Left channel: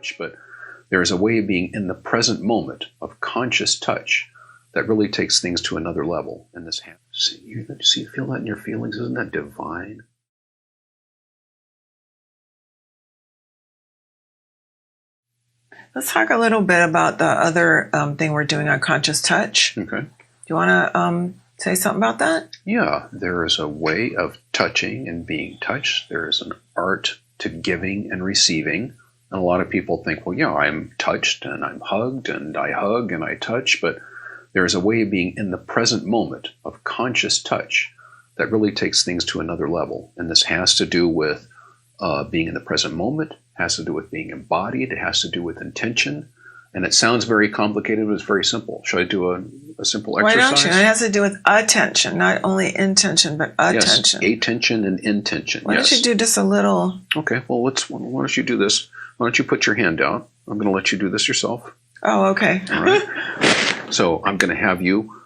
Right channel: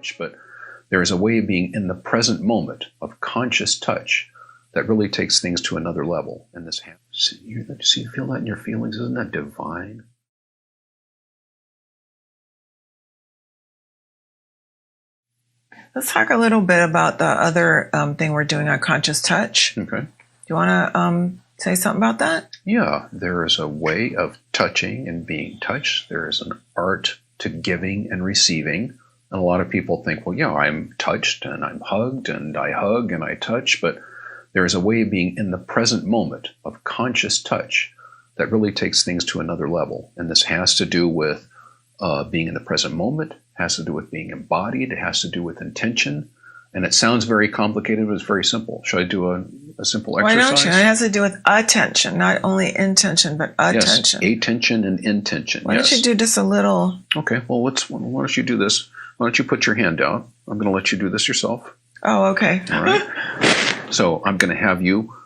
touch, but there's a way of being in the present moment of conscious touch that really takes things to another level. And this, you feel that in your feelings? Isn't that divine? Let's talk a little bit about the other thing we're doing on conscious touch. Okay. Do you want to say something about that? Yeah, there is a way of touching and being touched. There is an art to giving and receiving. And a lot of people think, well, yeah, I'm touched and I'm hugged and I hug and I touch, but there's a way of being in the present moment of conscious touch that really takes things to another level. And this has to do with being in the present moment, has to do with being embodied, it has to do with intention. And it sounds very complicated, but it's very simple. Should I do a simple exercise? Why don't you? It has to do with attention, not only intention, but attention. Yes, attention and intention. Why don't you do just a little? Okay, well, why don't you do this? Why don't you put your hand down? I'm going to let you do this yourself. Oh, okay. Right. So I'm going to have you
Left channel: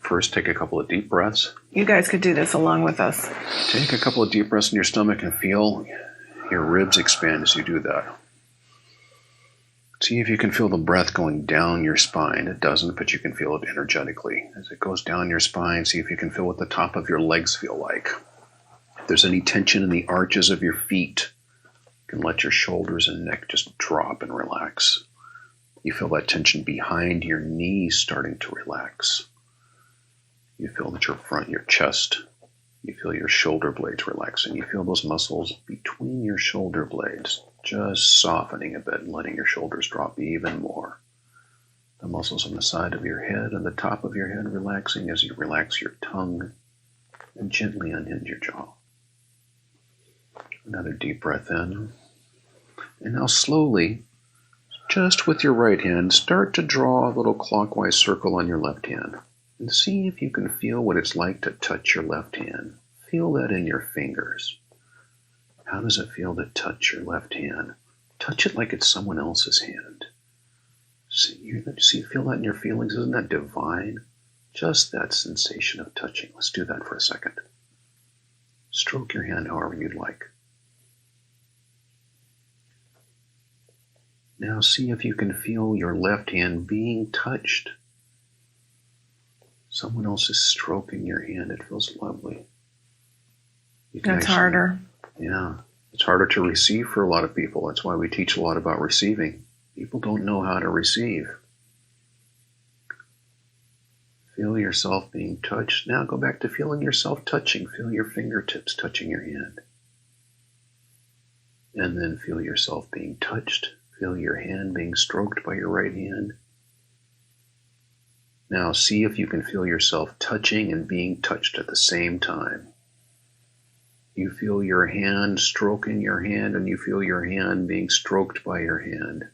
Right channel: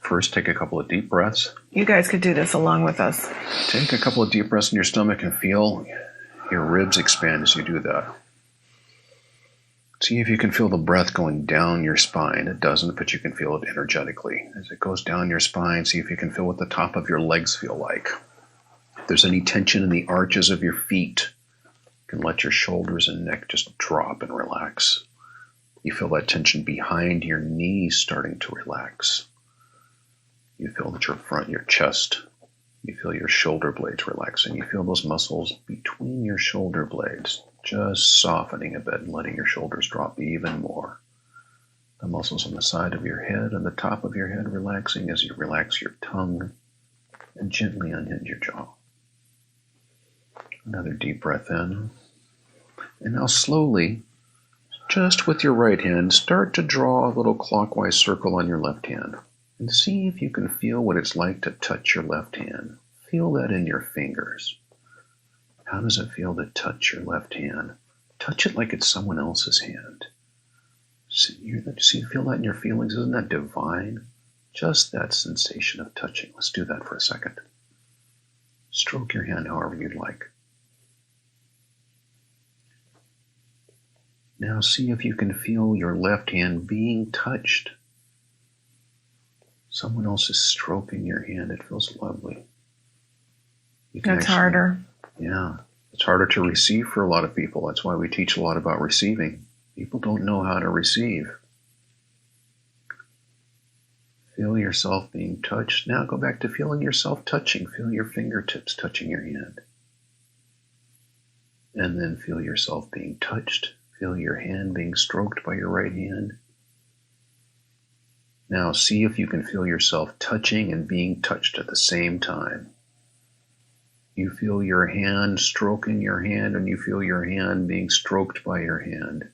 first take a couple of deep breaths. You guys could do this along with us. Take a couple of deep breaths in your stomach and feel your ribs expand as you do that. See if you can feel the breath going down your spine. It doesn't, but you can feel it energetically. As it goes down your spine, see if you can feel what the top of your legs feel like. If there's any tension in the arches of your feet, you can let your shoulders and neck just drop and relax. You feel that tension behind your knees starting to relax. You feel that your chest, you feel your shoulder blades relaxing. You feel those muscles between your shoulder blades just softening a bit and letting your shoulders drop even more. The muscles on the side of your head and the top of your head relaxing as you relax your tongue and gently unhinge your jaw. Another deep breath in. And now slowly, just with your right hand, start to draw a little clockwise circle on your left hand. And see if you can feel what it's like to touch your left hand. Feel that in your fingers. How does it feel to touch your left hand? Touch it like it's someone else's hand. Feel that in your feelings? Isn't that divine? Just that sensation of touching. Let's do that for a second. Stroke your hand however you'd like. Now see if you can feel your left hand being touched. Someone else is stroking your hand. It feels lovely. That's harder. Yeah. It's harder to receive for a lot of people. That's why we teach a lot about receiving. People don't know how to receive. Feel yourself being touched. Now go back to feeling yourself touching. Feel your fingertips touching your hand. And then feel yourself being touched. Feel your hand being stroked by your right hand. Now see if you can feel yourself touching and being touched at the same time. You feel your hand stroking your hand, and you feel your hand being stroked by your hand.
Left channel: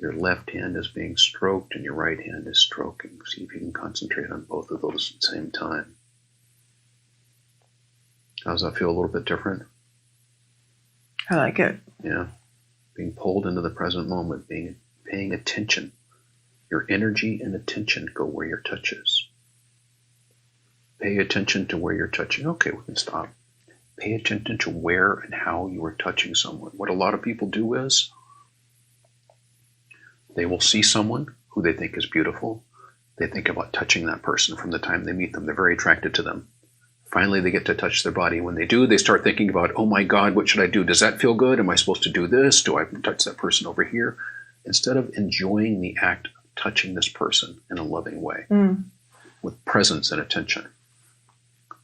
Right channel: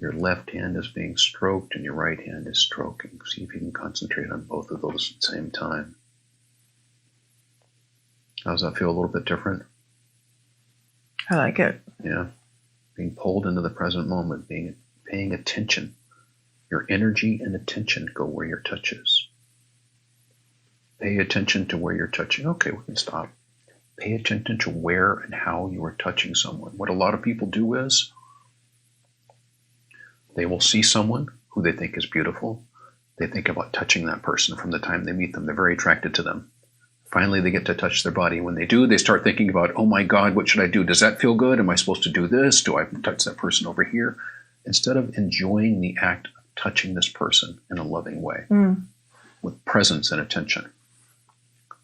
Your left hand is being stroked and your right hand is stroking. See if you can concentrate on both of those at the same time. How does that feel? A little bit different? I like it. Yeah. Being pulled into the present moment, paying attention. Your energy and attention go where your touch is. Pay attention to where you're touching. Okay, we can stop. Pay attention to where and how you are touching someone. What a lot of people do is they will see someone who they think is beautiful. They think about touching that person from the time they meet them. They're very attracted to them. Finally, they get to touch their body. When they do, they start thinking about, oh my God, what should I do? Does that feel good? Am I supposed to do this? Do I touch that person over here? Instead of enjoying the act of touching this person in a loving way, with presence and attention.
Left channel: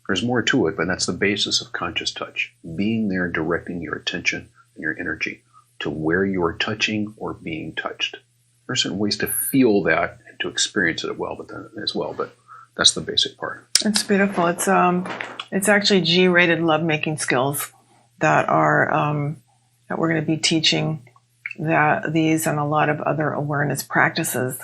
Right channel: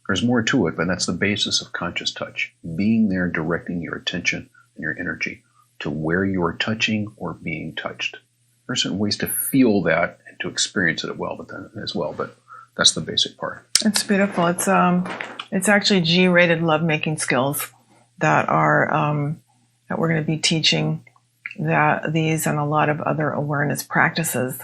There's more to it, but that's the basis of conscious touch. Being there, directing your attention and your energy to where you're touching or being touched. There's certain ways to feel that and to experience it but that's the basic part. It's beautiful. It's actually G-rated lovemaking skills that are that we're going to be teaching. That these and a lot of other awareness practices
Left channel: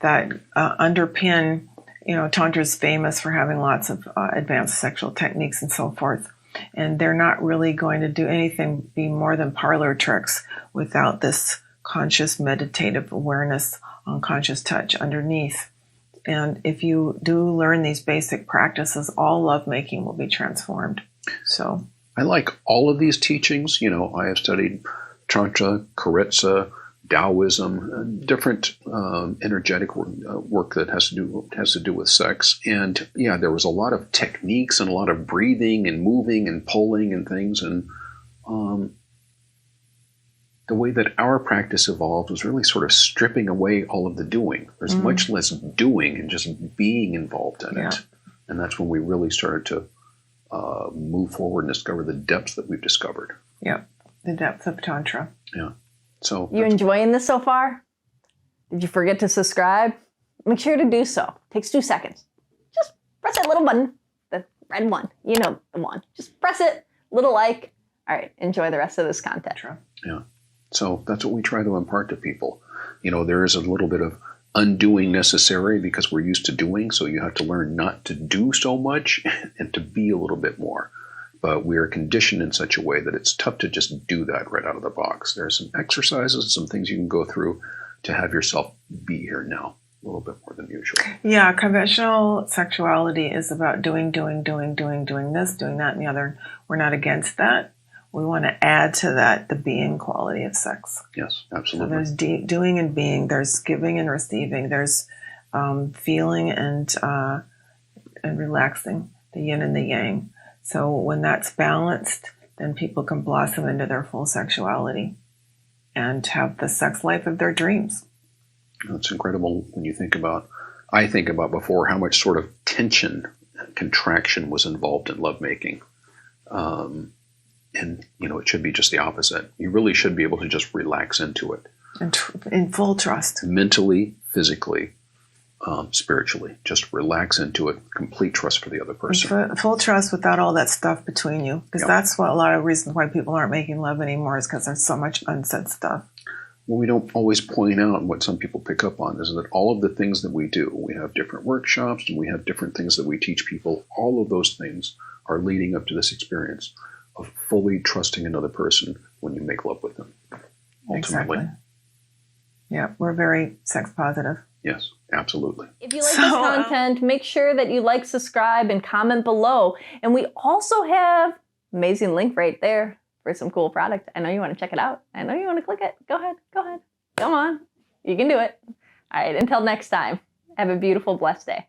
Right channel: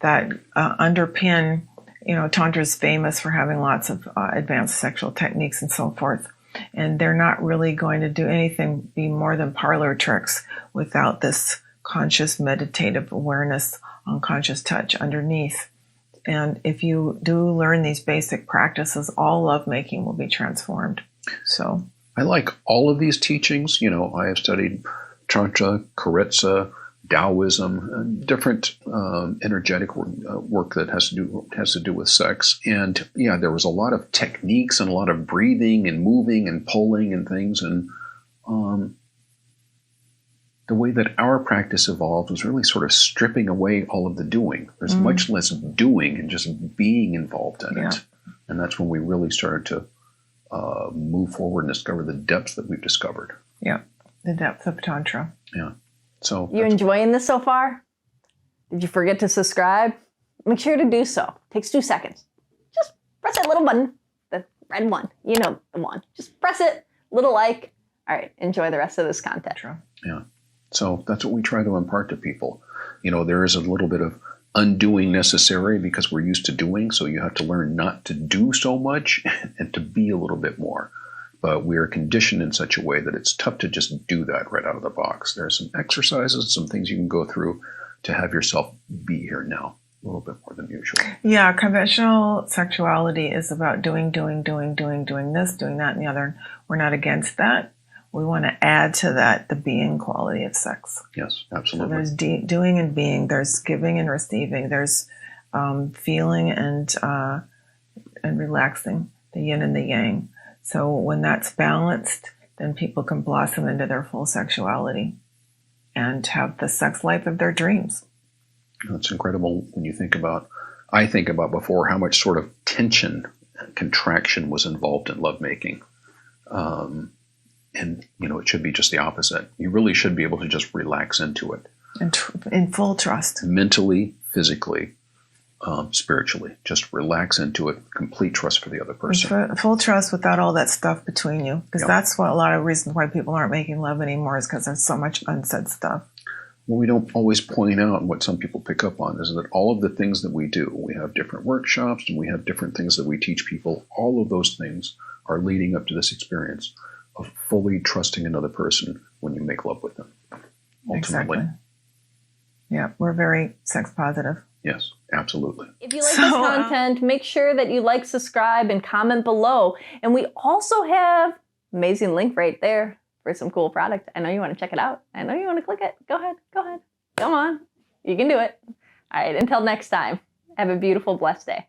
that underpin. You know, Tantra is famous for having lots of advanced sexual techniques and so forth. And they're not really going to do anything be more than parlor tricks without this conscious meditative awareness on conscious touch underneath. And if you do learn these basic practices, all lovemaking will be transformed. So I like all of these teachings. You know, I have studied Tantra, Karetsa, Taoism, different energetic work that has to do with sex. And yeah, there was a lot of techniques and a lot of breathing and moving and pulling and things. And the way that our practice evolved was really sort of stripping away all of the doing. There's much less doing and just being involved in it. And that's when we really started to move forward and discover the depths that we've discovered. Yeah, the depth of Tantra. Yeah. So, you enjoying this so far? Did you forget to subscribe? Make sure to do so. It takes 2 seconds. Just press that little button, the red one. You know the one. Just press it, little like. All right, enjoy the rest of this content. Yeah. So that's what we try to impart to people. You know, there is a little bit of undoing necessary because we're used to doing, so you have to learn not to do so much and to be a little bit more. But we are conditioned in such a way that it's tough to just do that right out of the box. There's some exercises, some things you can go through to have yourself be here now a little bit more than usual. Yeah, conventional sexuality is about doing this, doing that, and the other. We're not against that. We want to add to that the being quality of sex. Yes, absolutely. So there's doing and being. There's giving and receiving. There's feeling and relaxing, the yin and the yang. So when that's balanced, then people can blossom into their full sexuality and have the sex life of their dreams. It's incredible when you think about, I think about before how much sort of tension and contraction was involved in lovemaking. And, you know, it should be just the opposite. You really should be able to just relax into it. And in full trust. Mentally, physically, spiritually. Just relax into it. Complete trust for the other person. Full trust without all that stuff between you. Because that's what a lot of reasons why people aren't making love anymore is because there's so much unsaid stuff. What we don't always point out, what some people pick up on, is that all of the things that we do, we have different workshops and we have different things that we teach people. All of those things are leading up to this experience of fully trusting another person when you make love with them. Exactly. Yeah, we're very sex positive. Yes, absolutely. If you like this content, make sure that you like, subscribe, and comment below. And we also have an amazing link right there for some cool product. I know you want to check it out. I know you want to click it. Go ahead. Come on. You can do it. All right, until next time, have a beautiful, blessed day.